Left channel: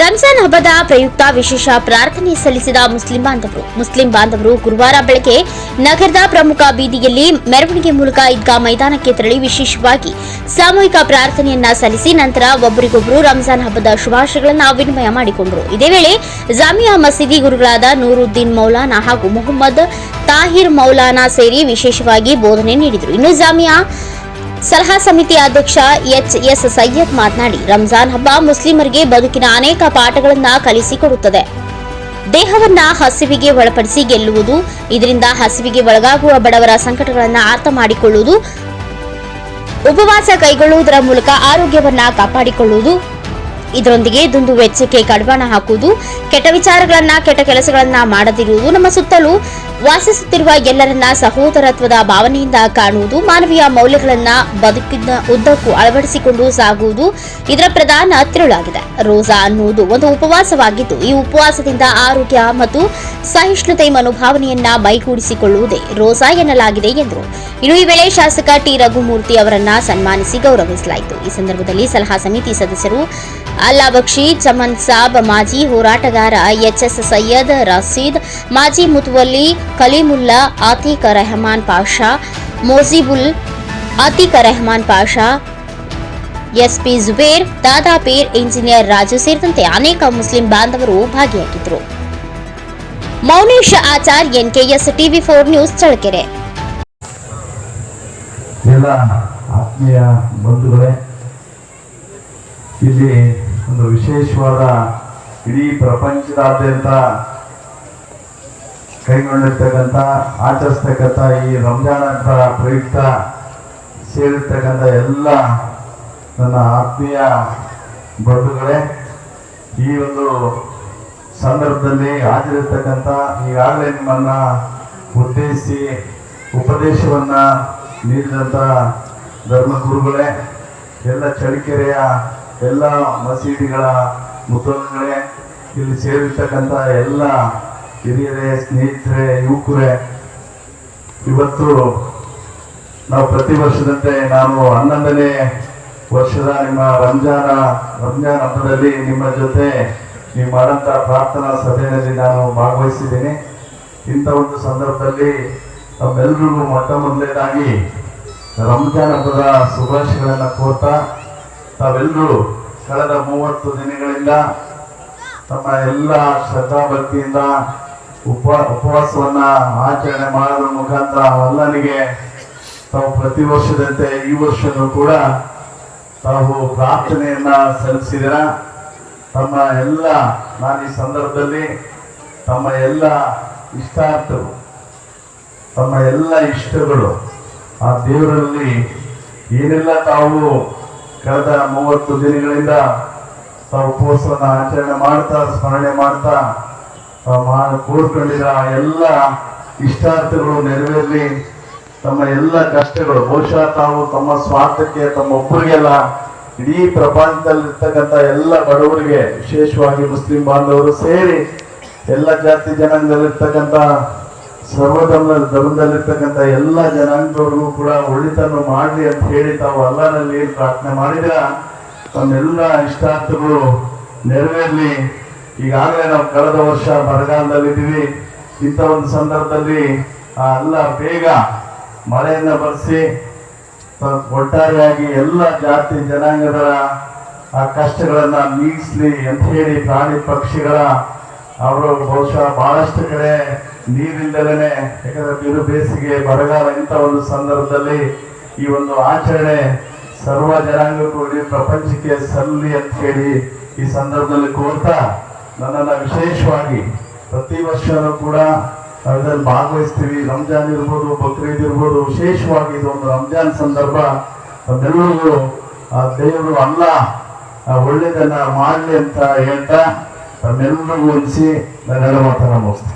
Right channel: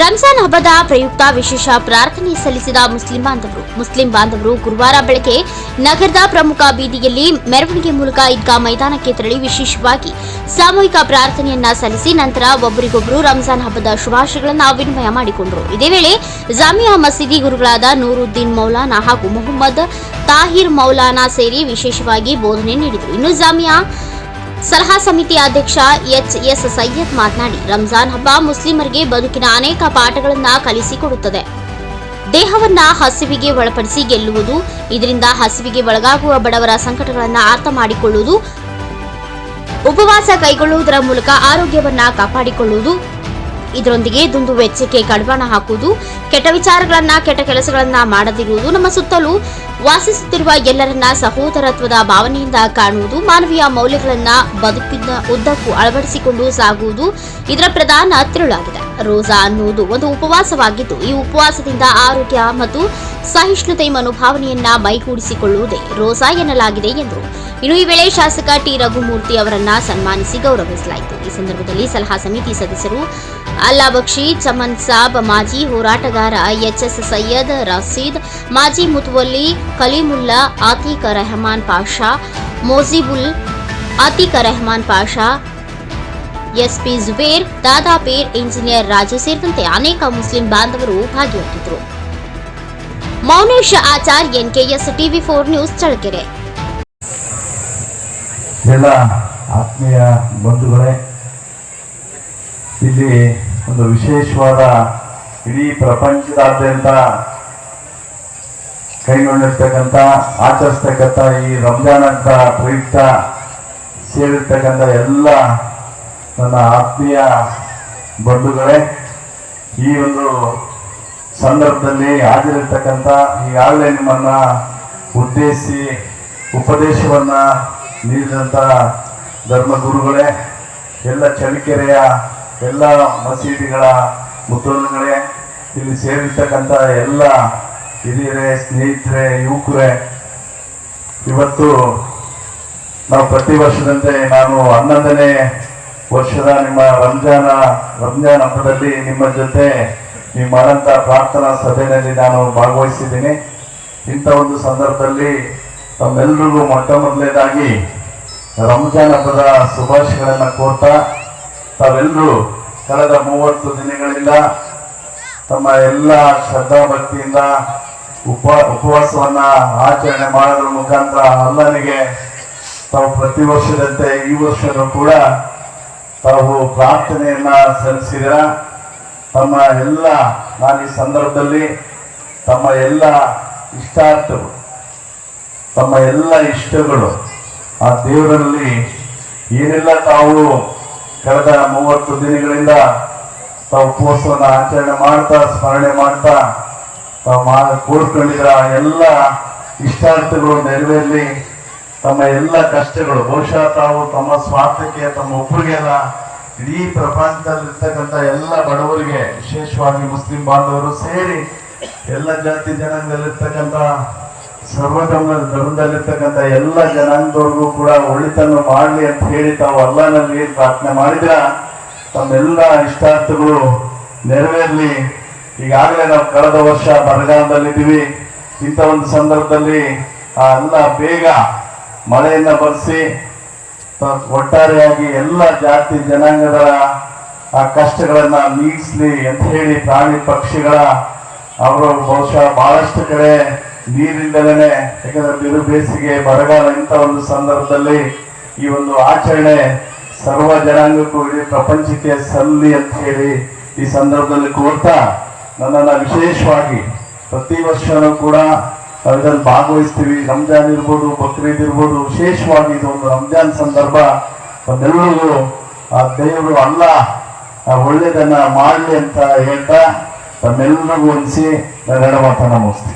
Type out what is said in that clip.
ರಂಜಾನ್ ಹಬ್ಬದ ಪ್ರಯುಕ್ತ ವಿಶೇಷ ಪ್ರಾರ್ಥನೆ ಸಲ್ಲಿಸಿದ ಮುಸ್ಲಿಂ ಬಾಂಧವರು. ಮುಸ್ಲಿಂ ಬಾಂಧವರು ಗುರುವಾರ ಬೆಳಗ್ಗೆ ನಗರದ ಪ್ರಮುಖ ಬೀದಿಯಲ್ಲಿ ಮೆರವಣಿಗೆ ಮೂಲಕ ಈದ್ಗಾ ಮೈದಾನಕ್ಕೆ ತೆರಳಿ ವಿಶೇಷವಾಗಿ ಸಾಮೂಹಿಕ ಪ್ರಾರ್ಥನೆಯನ್ನ ಸಲ್ಲಿಸಿ ನಂತರ ಒಬ್ಬರಿಗೊಬ್ಬರು ರಂಜಾನ್ ಹಬ್ಬದ ಶುಭಾಶಯಗಳನ್ನು ವಿನಿಮಯ ಮಾಡಿಕೊಂಡರು. ಇದೇ ವೇಳೆ ಜಾಮಿಯಾ ಮಸೀದಿ ಗುರುಗಳಾದ ನೂರುದ್ದೀನ್ ಮೌಲಾನಾ ಹಾಗೂ ಮೊಹಮ್ಮದ್ ತಾಹಿರ್ ಮೌಲಾನಾ ಸೇರಿ ವಿಶೇಷವಾಗಿ ಬೋಧನೆ ನೀಡಿದರು. ಇನ್ನು ಜಾಮಿಯಾ ಸಲಹಾ ಸಮಿತಿ ಅಧ್ಯಕ್ಷ ಎಚ್ ಎಸ್ ಸೈಯದ್ ಮಾತನಾಡಿ ರಂಜಾನ್ ಹಬ್ಬ ಮುಸ್ಲಿಮರಿಗೆ ಬದುಕಿನ ಅನೇಕ ಪಾಠಗಳನ್ನು ಕಲಿಸಿಕೊಡುತ್ತದೆ. ದೇಹವನ್ನ ಹಸಿವಿಗೆ ಒಳಪಡಿಸಿ ಗೆಲ್ಲುವುದು, ಇದರಿಂದ ಹಸಿವಿಗೆ ಒಳಗಾಗುವ ಬಡವರ ಸಂಕಟಗಳನ್ನು ಅರ್ಥ ಮಾಡಿಕೊಳ್ಳುವುದು, ಉಪವಾಸ ಕೈಗೊಳ್ಳುವುದರ ಮೂಲಕ ಆರೋಗ್ಯವನ್ನ ಕಾಪಾಡಿಕೊಳ್ಳುವುದು, ಇದರೊಂದಿಗೆ ದುಂದು ವೆಚ್ಚಕ್ಕೆ ಕಡಿವಾಣ ಹಾಕುವುದು, ಕೆಟ್ಟ ವಿಚಾರಗಳನ್ನ ಕೆಟ್ಟ ಕೆಲಸಗಳನ್ನ ಮಾಡದಿರುವುದು, ನಮ್ಮ ಸುತ್ತಲೂ ವಾಸಿಸುತ್ತಿರುವ ಎಲ್ಲರನ್ನ ಸಹೋದರತ್ವದ ಭಾವನೆಯಿಂದ ಕಾಣುವುದು, ಮಾನವೀಯ ಮೌಲ್ಯಗಳನ್ನ ಬದುಕಿನ ಉದ್ದಕ್ಕೂ ಅಳವಡಿಸಿಕೊಂಡು ಸಾಗುವುದು ಇದರ ಪ್ರಧಾನ ತಿರುಳಾಗಿದೆ. ರೋಜಾ ಅನ್ನುವುದು ಒಂದು ಉಪವಾಸವಾಗಿದ್ದು, ಈ ಉಪವಾಸದಿಂದ ಆರೋಗ್ಯ ಮತ್ತು ಸಹಿಷ್ಣುತೆ ಮನೋಭಾವನೆಯನ್ನ ಮೈಗೂಡಿಸಿಕೊಳ್ಳುವುದೇ ರೋಜಾ ಎನ್ನಲಾಗಿದೆ ಎಂದರು. ಇನ್ನು ಈ ವೇಳೆ ಶಾಸಕ ಟಿ. ರಘುಮೂರ್ತಿ ಅವರನ್ನ ಸನ್ಮಾನಿಸಿ ಗೌರವಿಸಲಾಯಿತು. ಈ ಸಂದರ್ಭದಲ್ಲಿ ಸಲಹಾ ಸಮಿತಿ ಸದಸ್ಯರು ಅಲ್ಲಾ ಬಕ್ಷಿ ಚಮನ್ ಸಾಬ್, ಮಾಜಿ ಹೋರಾಟಗಾರ ಎಚ್ಎಸ್ ಸೈಯದ್ ರಸೀದ್, ಮಾಜಿ ಮುತುವಲ್ಲಿ ಕಲೀಮುಲ್ಲಾ, ಆತೀಕ ರೆಹಮಾನ್ ಪಾಷಾ ಮೋಜಿಬುಲ್ ಆತೀಕ ರೆಹಮಾನ್ ಪಾಷಾ, ಎಸ್ಪಿ ಜುಬೇರ್ ದಾದಾಪೀರ್ ಇಂಜಿನಿಯರ್ ರಾಜು ಸೇರಿದಂತೆ ಅನೇಕ ಮುಸ್ಲಿಂ ಬಾಂಧವರು ಭಾಗಿಯಾಗಿದ್ದರು. Mounesh Achar, NKS TV four news Challakere. ಎಲ್ಲ ಆತ್ಮೀಯ ಬಂಧುಗಳೇ, ಇಲ್ಲಿ ಒಂದು ವಿಶೇಷವಾದ ಇಡೀ ಪ್ರಪಂಚದಾದ್ಯಂತ ಕೈಗೊಂಡಿರ್ತಕ್ಕಂಥ, ಆಚರಿಸ್ತಕ್ಕಂಥ ಈ ರಂಜಾನ್ ಅಂತ ಪ್ರಯುಕ್ತ ಸೇರಿರ್ತಕ್ಕಂಥ ಎಲ್ಲ ನನ್ನ ಆತ್ಮೀಯ ಬಂಧುಗಳೇ, ಈ ಒಂದು ಸಂದರ್ಭದಲ್ಲಿ ಹಾಜರಿರ್ತಕ್ಕಂಥ ಈಗಾಗಲೇ ನಿಮ್ಮನ್ನ ಉದ್ದೇಶಿಸಿ, ಉಪದೇಶವನ್ನ ನೀಡಿದಂಥ ಧರ್ಮಗುರುಗಳೇ, ಎಲ್ಲ ಚಳಿಕೆರೆಯ ಎಲ್ಲ ಮಸೀದಿಗಳ ಮುದ್ದೋನ್ಗಳೇ ಇಲ್ಲಿ ಸೇರಿರ್ತಕ್ಕಂಥ ಎಲ್ಲ ಹಿರಿಯರೇ, ಸ್ನೇಹಿತರೆ, ಯುವಕರೇ, ಇವತ್ತು ನಾವು ಪ್ರತಿ ವರ್ಷದಂತೆ ನಾನು ಹನ್ನೊಂದನೇ ವರ್ಷದ ನಿಮ್ಮ ರಂಜಾನ, ರಂಜಾನ್ ಹಬ್ಬದಲ್ಲಿ ನಿಮ್ಮ ಜೊತೆ ನೀವು ಮಾಡಂತ ಪ್ರಾರ್ಥನಾ ಸಭೆಯಲ್ಲಿ ನಾನು ಭಾಗವಹಿಸಿದ್ದೀನಿ. ಇಂಥ ಒಂದು ಸಂದರ್ಭದಲ್ಲಿ ತಮ್ಮೆಲ್ಲರಿಗೂ ಮೊಟ್ಟ ಮೊದಲನೇದಾಗಿ ರಂಜಾನ್ ಹಬ್ಬದ ಶುಭಾಶಯಗಳನ್ನು ಕೋರ್ತಾ ತಾವೆಲ್ಲರೂ ಕಳೆದ ಮೂವತ್ತು ದಿನಗಳಿಂದ ತಮ್ಮ ಎಲ್ಲ ಶ್ರದ್ಧಾ ಭಕ್ತಿಯಿಂದ ಉಪ ಉಪವಾಸವನ್ನ ಆಚರಣೆ ಮಾಡೋದ್ರ ಮುಖಾಂತರ ಅಲ್ಲನಿಗೆ ತಾವು ಪ್ರತಿ ವರ್ಷದಂತೆ ಈ ವರ್ಷನೂ ಕೂಡ ತಾವು ಪ್ರಾರ್ಥನೆಯನ್ನ ಸಲ್ಲಿಸಿದ್ರ? ತಮ್ಮ ಎಲ್ಲ, ನಾನು ಈ ಸಂದರ್ಭದಲ್ಲಿ ತಮ್ಮ ಎಲ್ಲ ಇಷ್ಟಾರ್ಥಗಳು, ತಮ್ಮ ಎಲ್ಲ ಇಷ್ಟಗಳು ಆ ದೇವರಲ್ಲಿ ಏನೆಲ್ಲ ತಾವು ಕಳೆದ ಮೂವತ್ತು ದಿನಗಳಿಂದ ತಾವು ಉಪವಾಸವನ್ನು ಆಚರಣೆ ಮಾಡ್ತಾ, ಸ್ಮರಣೆ ಮಾಡ್ತಾ ಕೋರ್ಕೊಂಡಿದ್ರ ಆ ಎಲ್ಲ ಇಷ್ಟಾರ್ಥಗಳು ನೆರವೇರಲಿ. ತಮ್ಮ ಎಲ್ಲ ಕಷ್ಟಗಳು, ಬಹುಶಃ ತಾವು ತಮ್ಮ ಸ್ವಾರ್ಥಕ್ಕೆ, ತಮ್ಮ ಒಬ್ಬರಿಗೆಲ್ಲ ಇಡೀ ಪ್ರಪಂಚದಲ್ಲಿರ್ತಕ್ಕಂಥ ಎಲ್ಲ ಬಡವರಿಗೆ, ವಿಶೇಷವಾಗಿ ಮುಸ್ಲಿಂ ಬಾಂಧವರು ಸೇರಿ ಎಲ್ಲ ಜಾತಿ ಜನಾಂಗದಲ್ಲಿರ್ತಕ್ಕಂಥ ಸರ್ವಧರ್ಮ ಧರ್ಮದಲ್ಲಿರ್ತಕ್ಕಂಥ ಎಲ್ಲ ಜನಾಂಗದವ್ರಿಗೂ ಕೂಡ ಒಳಿತನ್ನು ಮಾಡಲಿ ಅಂತ ಹೇಳಿ ತಾವು ಅಲ್ಲನಲ್ಲಿ ಪ್ರಾರ್ಥನೆ ಮಾಡಿದ ತಮ್ಮೆಲ್ಲ ಇಷ್ಟಾರ್ಥಗಳು ನೆರವೇರಲಿ. ಈಗಾಗಲೇ ನಾವು ಕಳೆದ ವರ್ಷ ಬರಗಾಲದಲ್ಲಿದ್ದೀವಿ. ಇಂಥ ಒಂದು ಸಂದರ್ಭದಲ್ಲಿ ಆ ಎಲ್ಲ ಬೇಗ ಮಳೆಯಿಂದ ಬರೆಸಿ ಒಟ್ಟಾರೆಯಾಗಿ ಎಲ್ಲ ಜಾತಿ ಜನಾಂಗದ ಆ ಕಷ್ಟಗಳನ್ನ ನೀಗಿಸ್ಲಿ ಅಂತ ಹೇಳಿ ಪ್ರಾಣಿ ಪಕ್ಷಿಗಳ ಅವರು ಬಹುಶಃ ಬಹಳಷ್ಟು ಕಡೆ ನೀರಿಂದಲೇ ಯಾಕಂದ್ರೆ ಬಿರು ಬೇಸಿಗೆ, ಬರಗಾಲ ಇಂಥ ಒಂದು ಸಂದರ್ಭದಲ್ಲಿ ಈ ಒಂದು ಆಚರಣೆ ಸರ್ವ ಜನಾಂಗಕ್ಕೂ, ಇಡೀ ಪ್ರಪಂಚಕ್ಕೆ ಸಲ್ಲಿ ಅಂತ ಹೇಳಿ ಈ ಸಂದರ್ಭದಲ್ಲಿ ಕೋರ್ತಾ ನನ್ನನ್ನ ವಿಶೇಷವಾಗಿ ಪ್ರತಿ ವರ್ಷವೂ ಕೂಡ ಅದರಲ್ಲಿ ಭಾಗವಹಿಸ್ತೀವಿ. ರಂಜಾನ್ ಇರ್ಬೋದು, ಬಕ್ರೀದ್ ಇರ್ಬೋದು. ವಿಶೇಷವಾಗಿ ಇದು ಒಂದು ರಂಜಾನ್ ಸಂದರ್ಭ. ಅದೆಲ್ಲರಿಗೂ ಆ ದೇವರು ಅಲ್ಲ ಒಳ್ಳೆಯದನ್ನು ಮಾಡಲಿ ಅಂತ ಹೇಳ್ತಾ ತಮ್ಮೆಲ್ಲರಿಗೂ ಉಳಿಸಿ ನನ್ನ ಮಾತನ್ನು